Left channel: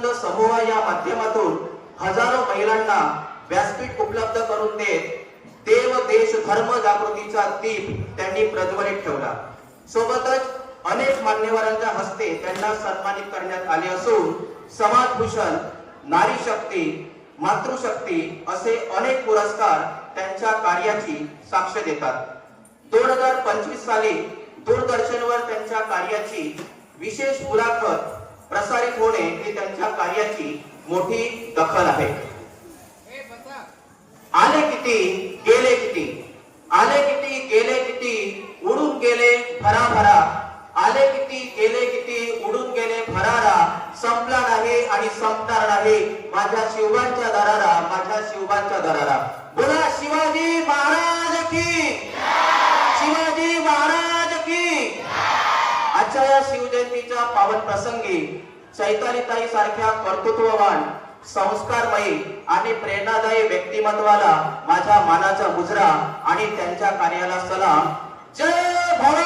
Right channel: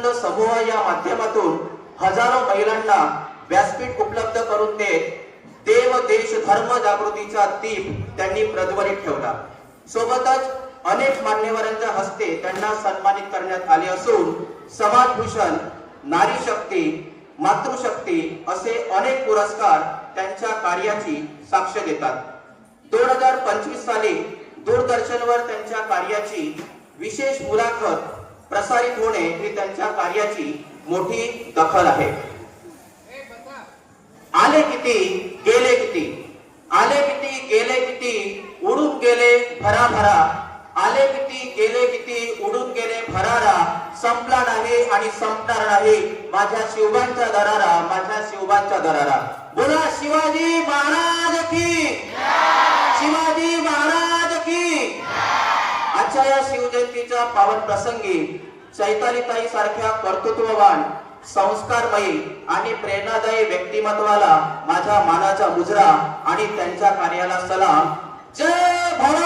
विवेकानंद समूह या माध्यमातून हजारो महिलांना व्यासपीठ उपलब्ध करून देत देव देश धर्म जागृतीचा दीप त्यांनी प्रज्वलित ठेवला। सोबतच अनेक मान्यवरांच्या हस्ते त्यांना सन्मानित करण्यात आले असून समाजभूषण, नारी शक्ती, मातृशक्ती असे अनेक पुरस्कार त्यांच्या कार्याची साक्ष देतात। 2025 साली दूरदर्शनवर त्यांच्या कार्याची विशेष मुलाखत प्रसारित होणे ही त्यांच्या कार्याची मोठी दखल आहे। आले किती गेले किती, आले किती गेले किती, उडून गेले भराभरा, आले किती गेले किती, उडून गेले भरारा, संपला नाही आणि संपणार नाही माझ्या शिवबांचा दरारा, माझ्या शिवबांचा दरारा। बोला शिवाजी महाराज की, शिवाजी महाराज की। आजच्या या शिवजयंतीच्या पावन प्रसंगी चैतालीताई सारख्या कर्तृत्ववान, संस्कारमयी आणि प्रेरणादायी व्यक्तिमत्वाला माझ्या मानाचा मुजरा आणि त्यांच्या कार्याला सलाम। जय भवानी।